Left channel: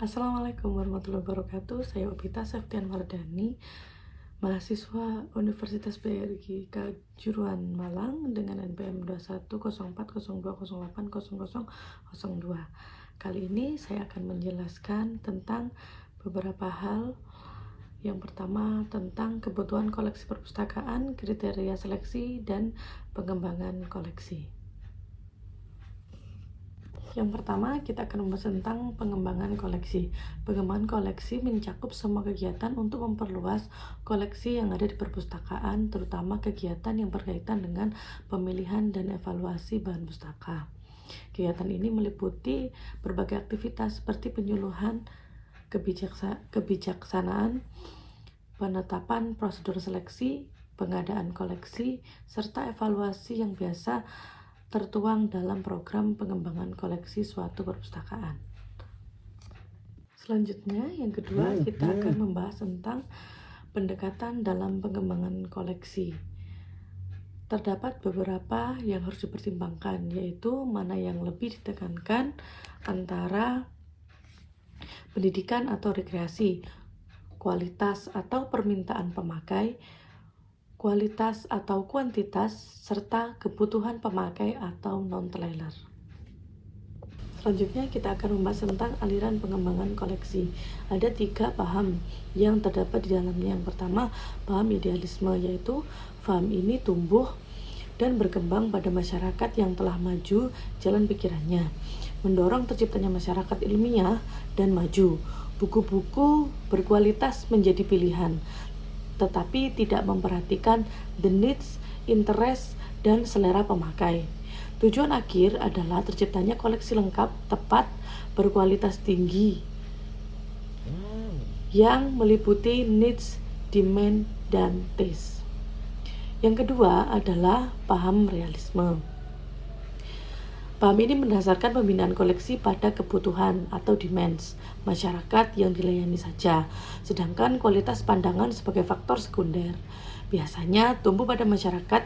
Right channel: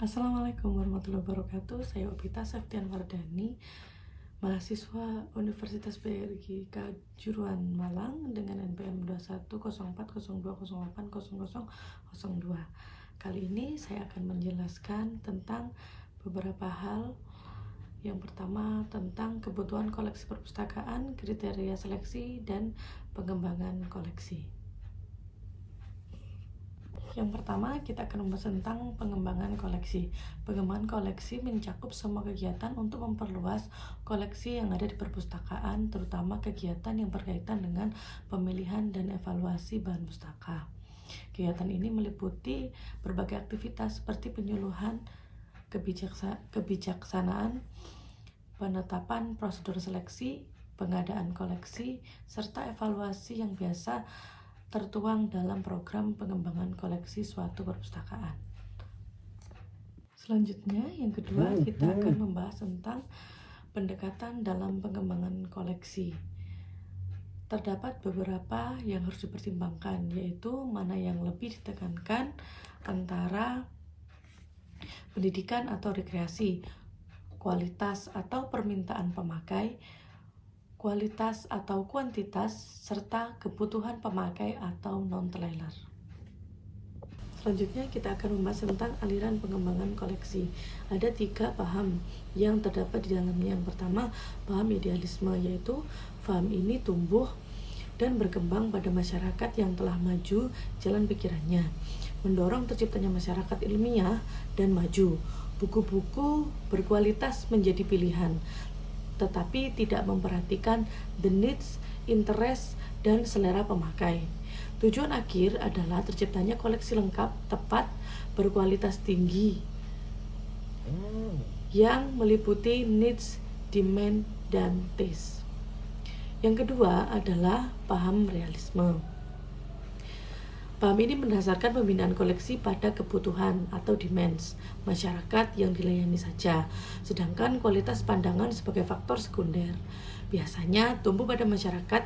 Assalamualaikum warahmatullahi wabarakatuh. Saya Opita Septian Wardani, mahasiswa Universitas BRI Kejuruan Malang dengan NPM 210402080002. Kali ini saya akan menjelaskan tentang beberapa hal. Yang pertama tentang kebutuhan koleksi perpustakaan, kriteria seleksi, dan pengembangan koleksi. Yang pertama, kita akan membahas tentang pengembangan koleksi. Pengembangan koleksi mencakup semua kegiatan untuk memperluas koleksi yang ada di perpustakaan, terutama kegiatan yang berkaitan dengan pemilihan dan evaluasi bahan pustaka. Kegiatan ini meliputi berbagai aktivitas seperti penyuluhan, kebijaksanaan, penetapan prosedur seleksi, pengadaan koleksi, serta evaluasi yang biasa tertuang dalam program pengembangan koleksi suatu perpustakaan. Selanjutnya, yang kedua, kita akan membahas tentang pendekatan dalam pengembangan koleksi. Terdapat beberapa yang harus dipertimbangkan, yaitu mana yang lebih ditekankan antara pendidikan atau rekreasi, kualitas atau permintaan pemakai, kualitas atau kuantitas, serta kebutuhan pemakai atau non-trailer. Selanjutnya kita akan membahas tentang aliran pengembangan koleksi. Ada 3 paham yang terdapat di dalamnya. Yang pertama, paham idealisme, yaitu paham ini tumbuh dan berkembang pada masyarakat yang telah maju jalan pikirannya, mendorong terciptanya masyarakat ilmiah dan maju. Buku-buku berkualitas menjadi pilihan, tetapi tidak memperhatikan the needs, interest, dan selera pemakai. Tujuan akhir adalah terciptanya koleksi lengkap, tepat, berkualitas tinggi yang meliputi needs, demand, dan taste. Yang kedua adalah paham realisme. Paham ini mendasarkan pembinaan koleksi pada kebutuhan atau demands masyarakat yang dilayani saja, sedangkan kualitas pandangan sebagai faktor sekunder. Biasanya tumbuh pada masyarakat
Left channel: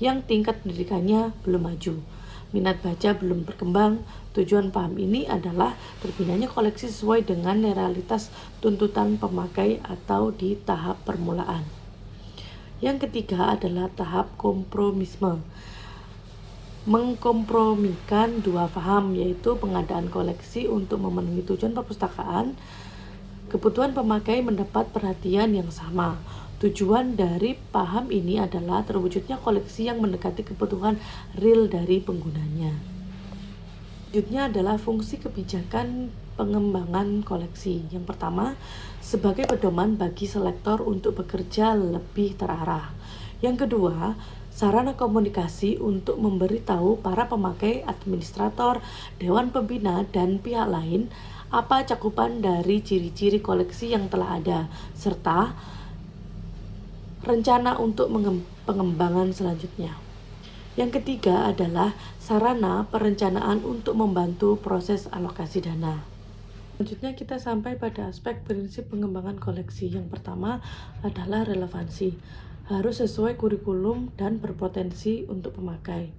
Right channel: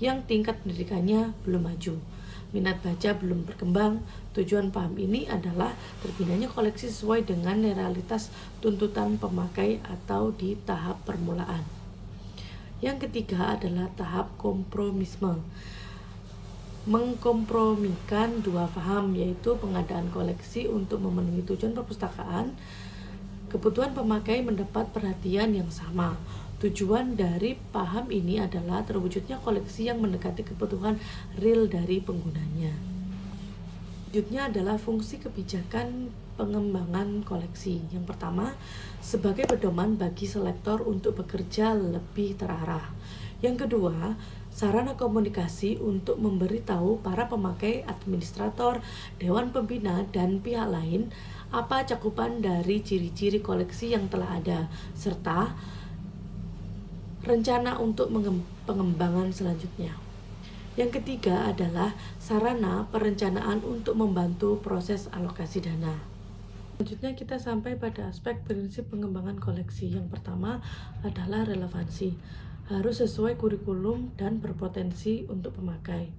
yang tingkat pendidikannya belum maju, minat baca belum berkembang. Tujuan paham ini adalah terbinanya koleksi sesuai dengan realitas tuntutan pemakai atau di tahap permulaan. Yang ketiga adalah tahap kompromisme. Mengkompromikan 2 paham, yaitu pengadaan koleksi untuk memenuhi tujuan perpustakaan. Kebutuhan pemakai mendapat perhatian yang sama. Tujuan dari paham ini adalah terwujudnya koleksi yang mendekati kebutuhan real dari penggunanya. Selanjutnya adalah fungsi kebijakan pengembangan koleksi. Yang pertama, sebagai pedoman bagi selektor untuk bekerja lebih terarah. Yang kedua, sarana komunikasi untuk memberitahu para pemakai, administrator, dewan pembina, dan pihak lain apa cakupan dari ciri-ciri koleksi yang telah ada, serta rencana untuk pengembangan selanjutnya. Yang ketiga adalah sarana perencanaan untuk membantu proses alokasi dana. Selanjutnya kita sampai pada aspek prinsip pengembangan koleksi. Yang pertama adalah relevansi. Harus sesuai kurikulum dan berpotensi untuk pemakai.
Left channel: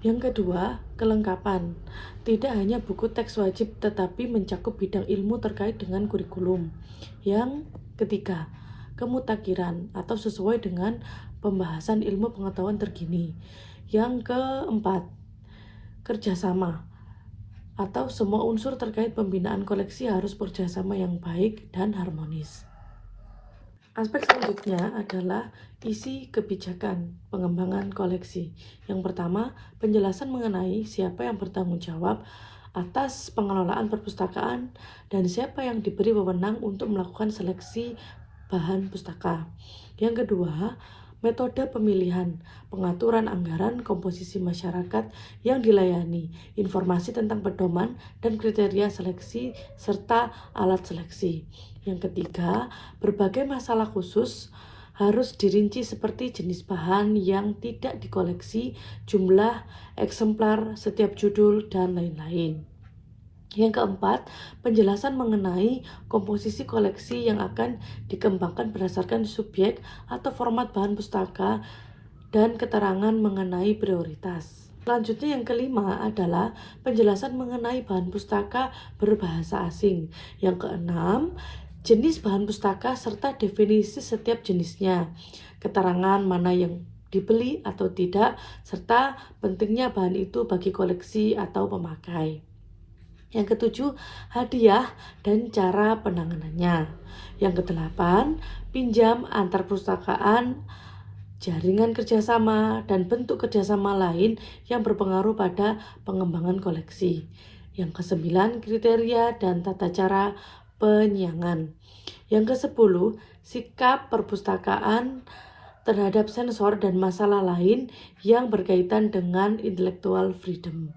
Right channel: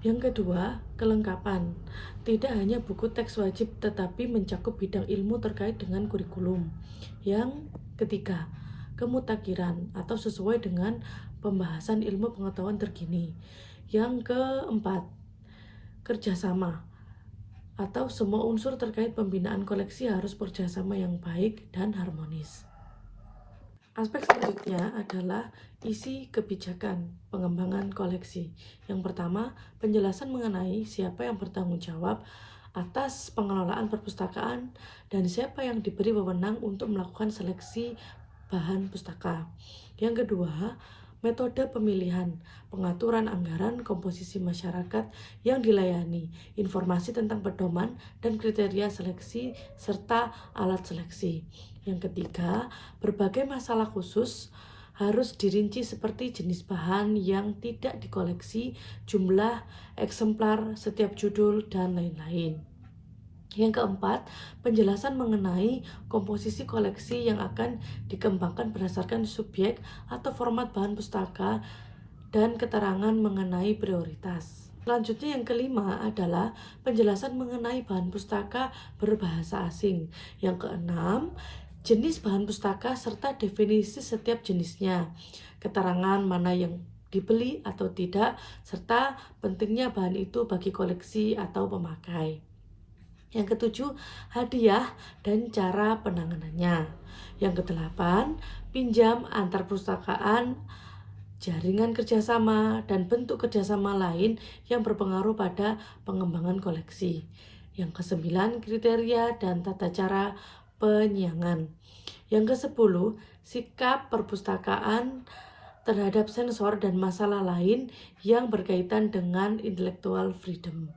Yang kedua, kelengkapan. Tidak hanya buku teks wajib, tetapi mencakup bidang ilmu terkait dengan kurikulum. Yang ketiga, kemutakhiran atau sesuai dengan pembahasan ilmu pengetahuan terkini. Yang keempat, kerjasama atau semua unsur terkait pembinaan koleksi harus kerjasama yang baik dan harmonis. Aspek selanjutnya adalah isi kebijakan pengembangan koleksi. Yang pertama, penjelasan mengenai siapa yang bertanggung jawab atas pengelolaan perpustakaan dan siapa yang diberi wewenang untuk melakukan seleksi bahan pustaka. Yang kedua, metode pemilihan, pengaturan anggaran, komposisi masyarakat yang dilayani, informasi tentang pedoman dan kriteria seleksi, serta alat seleksi. Yang ketiga, berbagai masalah khusus harus dirinci seperti jenis bahan yang tidak dikoleksi, jumlah eksemplar setiap judul, dan lain-lain. Yang keempat, penjelasan mengenai komposisi koleksi yang akan dikembangkan berdasarkan subjek atau format bahan pustaka dan keterangan mengenai prioritas. Selanjutnya yang kelima adalah penjelasan mengenai bahan pustaka berbahasa asing. Yang keenam, jenis bahan pustaka serta definisi setiap jenisnya. Keterangan mana yang dibeli atau tidak, serta pentingnya bahan itu bagi koleksi atau pemakai. Yang ketujuh, hadiah dan cara penanganannya. Yang kedelapan, pinjam antar perpustakaan, jaringan kerjasama, dan bentuk kerjasama lain yang berpengaruh pada pengembangan koleksi. Yang kesembilan, kriteria dan tata cara penyiangan. Yang kesepuluh, sikap perpustakaan terhadap sensor dan masalah lain yang berkaitan dengan intellectual freedom.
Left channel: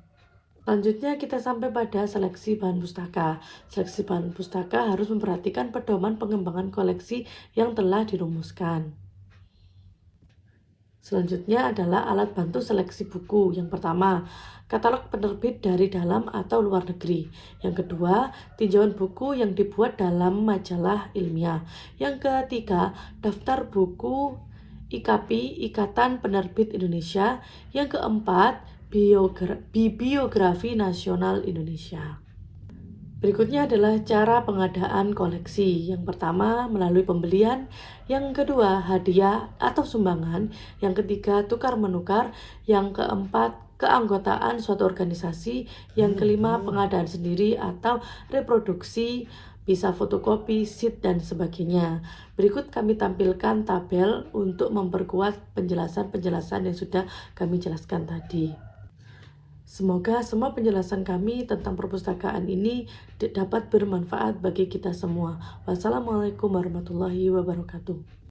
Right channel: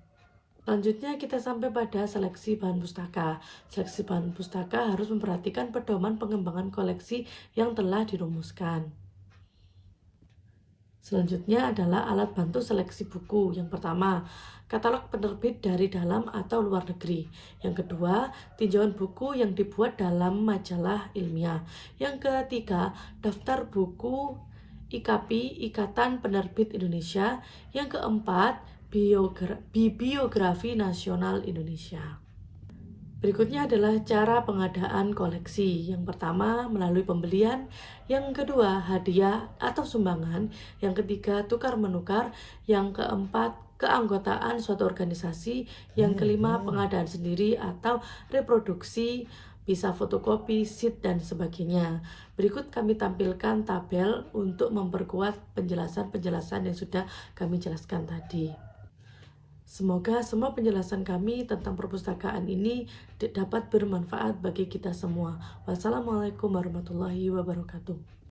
Selanjutnya kita sampai pada seleksi bahan pustaka. Seleksi bahan pustaka harus memperhatikan pedoman pengembangan koleksi yang telah dirumuskan. Selanjutnya adalah alat bantu seleksi buku. Yang pertama, katalog penerbit dari dalam atau luar negeri. Yang kedua, tinjauan buku yang dibuat dalam majalah ilmiah. Yang ketiga, daftar buku IKP, Ikatan Penerbit Indonesia. Yang keempat, Bibliografi Nasional Indonesia. Berikutnya adalah cara pengadaan koleksi. Yang pertama, melalui pembelian. Yang kedua, hadiah atau sumbangan. Yang ketiga, tukar-menukar. Yang keempat, keanggotaan suatu organisasi. Yang kelima, pengadaan sendiri atau reproduksi, bisa fotokopi, sheet, dan sebagainya. Berikut kami tampilkan tabel untuk memperkuat penjelasan-penjelasan yang sudah kami jelaskan tadi. Semoga semua penjelasan kami tentang perpustakaan ini dapat bermanfaat bagi kita semua. Wassalamualaikum warahmatullahi wabarakatuh.